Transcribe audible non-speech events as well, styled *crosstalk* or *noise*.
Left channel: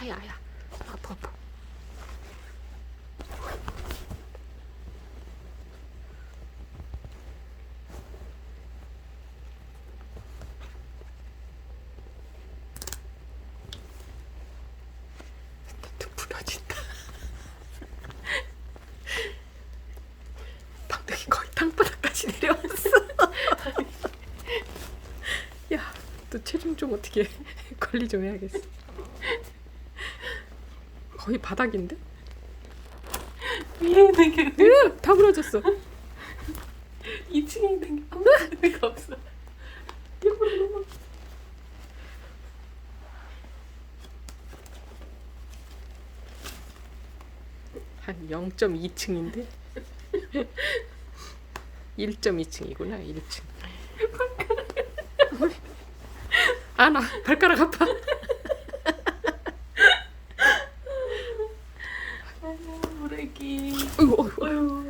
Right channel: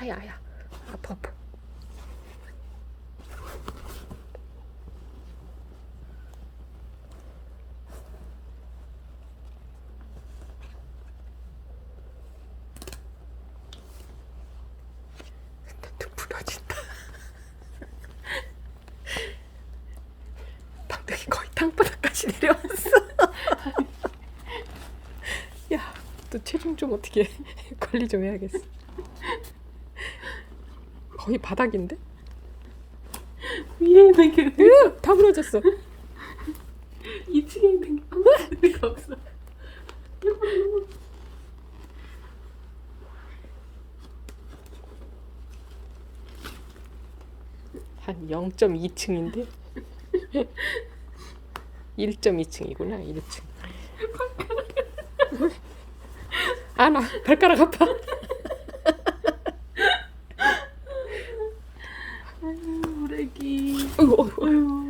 아야 아야. 아파 아파. *laughs* 내려왔어. *laughs* 야, 너 체중 좀 어떻게 *laughs* 관리 좀 해야겠어. 거의 바닥인데? *laughs* 위에 되게 으, 다 부러졌어. 2층에 되게 아무 데가 없어. *laughs* 한 0.2층인데? 1.2층이구나, 1층. 아, 나 발가락 아파. *laughs* 아이고, 아이고. 어이구.